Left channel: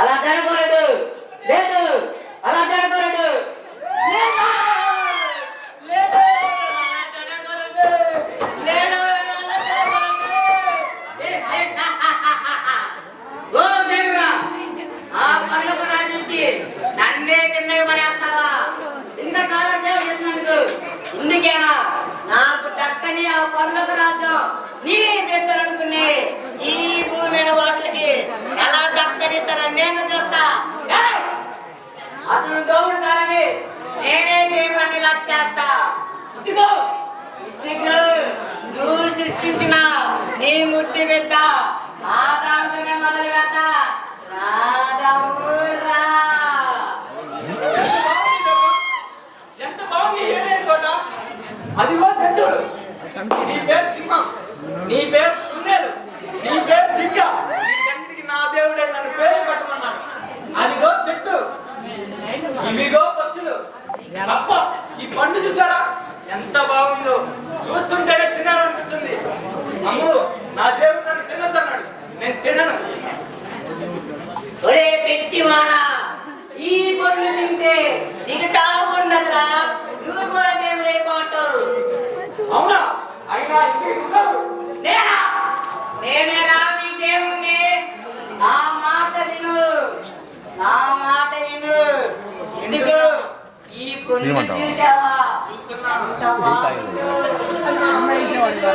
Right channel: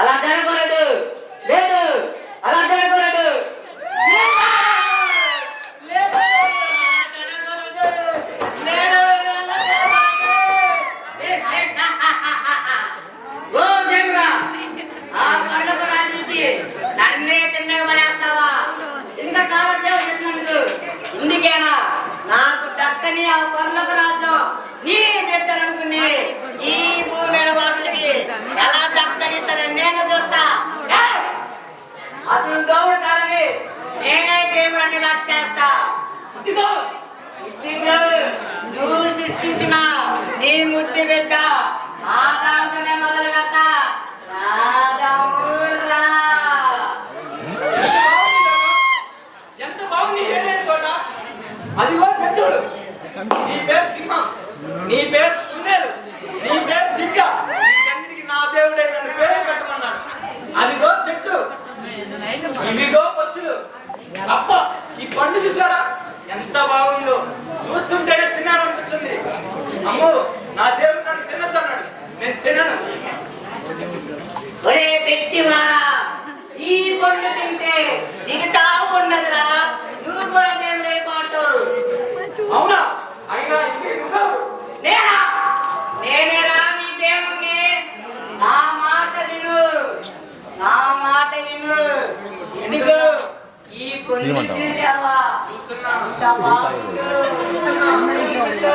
అలా జరగకూడదు. లేదు, అలా జరగకూడదు. నన్నే తిన్నగా పడేస్తావా? ఇంతకాలం సేవ చేసినందుకు ఇందుకేనా నాకు దక్కని ఆ పనులకు రాజ్యం నీ బిడ్డలనుకుని ఈ భూమి వాసులకి ఎలా దక్కనిస్తారని నేను చూస్తా. అసలు దోవుడు కాదని నేనే దేవుడిని లక్కేస్తా. ఇదిగో ఇదిగో నువ్వు సృష్టించిన నీ ముట్టి బిడ్డ ఆ దాంతోనే మొదలు పెడతా. ఎంత బాగుంది ఏడేడు తోట. అదిగో చెట్టుడు. నీ పేరు సింహం, నీ పేరు కుందేలు, నీ పేరు జింక. వీటన్నిటికి నా దేవుడే నన్ను పేరు పెట్టమన్నాడు. అదిగో చెట్టు, ఇవిగో పక్షులు. అప్ప ఈ పండు చూసారా ఎంత బాగుందో. చూస్తుంటేనే తినాలనిపిస్తుంది. అమ్మో నా దేవుడు నన్ను తినద్దన్నాడు, నేను తినను. ఒరే పిచ్చివాడా, ఈ పండు తింటే దిగుతా ఉండదురా. నువ్వు కూడా దేవుడే పాటు. అవునా? అయినా నేనా? నేనేరా మీ దేవుణ్ణి. నా మాట విను, నా మాట విను. ఇదిగో ఈ పండు తింటావా? అంటే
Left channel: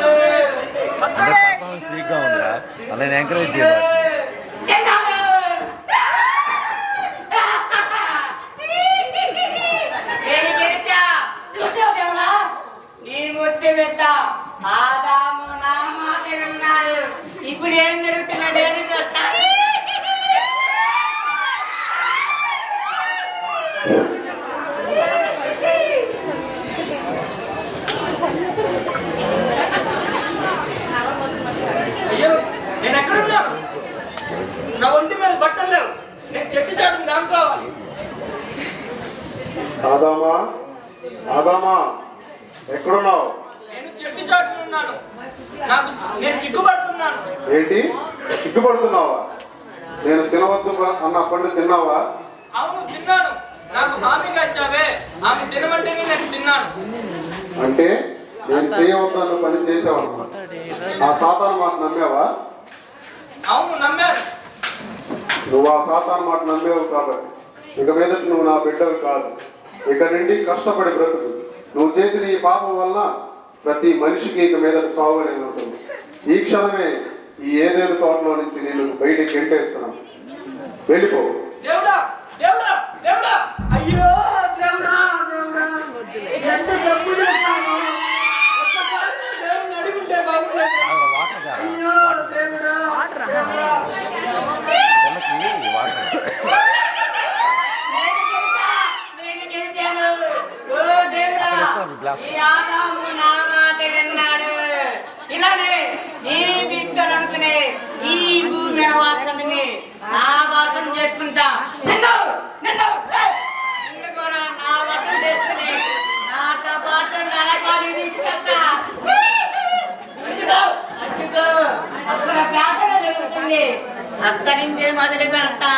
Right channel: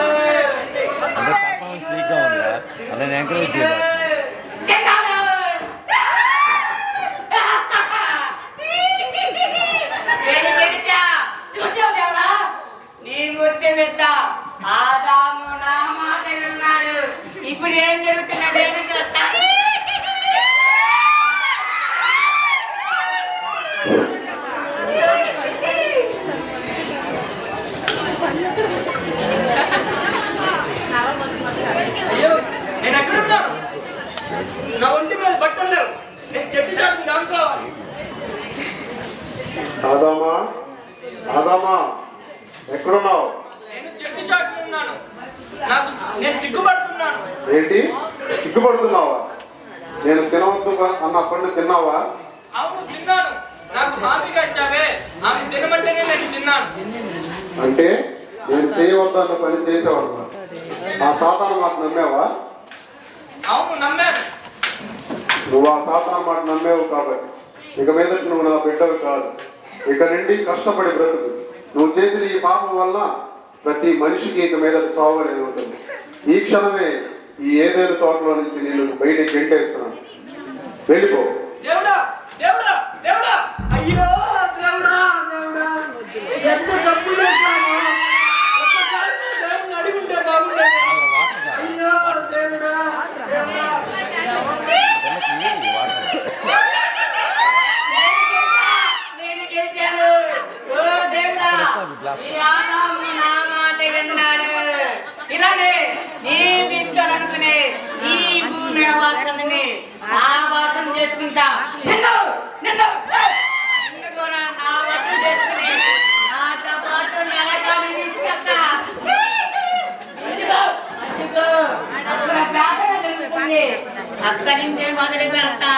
పర్ఫార్మెన్స్ వీక్గా ఉందిరా, అలా నేను ఎంకరేజ్ చేయాలి. ఆదాము నా మాట విన్నాడు. ఇప్పుడు ఏం జరుగుతున్నది ఏమి చూస్తా. అయ్యో నేను ఎక్కడున్నాను? నా ఒంటి మీద బట్టలు లేవు. నేను చెట్టు చాటుని దానుకోవాలి. ఆదామా, ఆదామా, ఎక్కడున్నావు? నేను చెట్టు చాటుని ఉన్నాను. నేను సిగ్గుపడుతున్నాను. ఏంటి సిగ్గుపడుతున్నావా? నేను తినవద్దు అన్న పండు తిన్నావా? అవును తిన్నాను. నాకు హామీగా ఇచ్చావే, ఆమె తినమంటేనే నేను తిన్నాను. అంటే నేను చేయవద్దన్న పని చేసావన్నమాట. ఆ సాతాను మాట నమ్మావా? అవును నమ్మాను. నువ్వు ఆ సాతాను మాట నమ్మేవు కాబట్టి ఇక మీదట నువ్వు నా బిడ్డలు కాదు. ఇక నుండి కష్టపడి బ్రతుకు. నువ్వు చేసిన ఈ పాపం వల్ల ప్రతి మనిషికి ఇక మీద చావు అనేది ఉంటుంది. ఈ క్షణమే ఈ ఏదేను తోటలో నుంచి నేను బయటికి గెంటేస్తున్నాను. వెళ్ళిపో. దేవుడా దేవుడా దేవుడా, అయ్యో దేవుడా దేవుడా, ఎంత తప్పు చేశాను. ఒక్కసారి నా దేవుడిని అడుగుంటే బాగుండేది. అయ్యో దేవుడా నేను గెలిచాను. ఓ దేవుడా, ఈ ఆదాము నా మాట విన్నాడు. ఇలానే నీ బిడ్డలు అనుకునే ఈ భూమి వాసులని నా వాసం చేసుకుంటా. నిన్ను నిన్ను నిన్ను కూడా నా వాసం చేసుకుని నాతో పాటు నరకాన్ని తీసుకెళ్తా. అందుకో అందుకో అక్కడ జాతర జరుగుతుంది. అక్కడి నుంచే మొదలు పెడతా.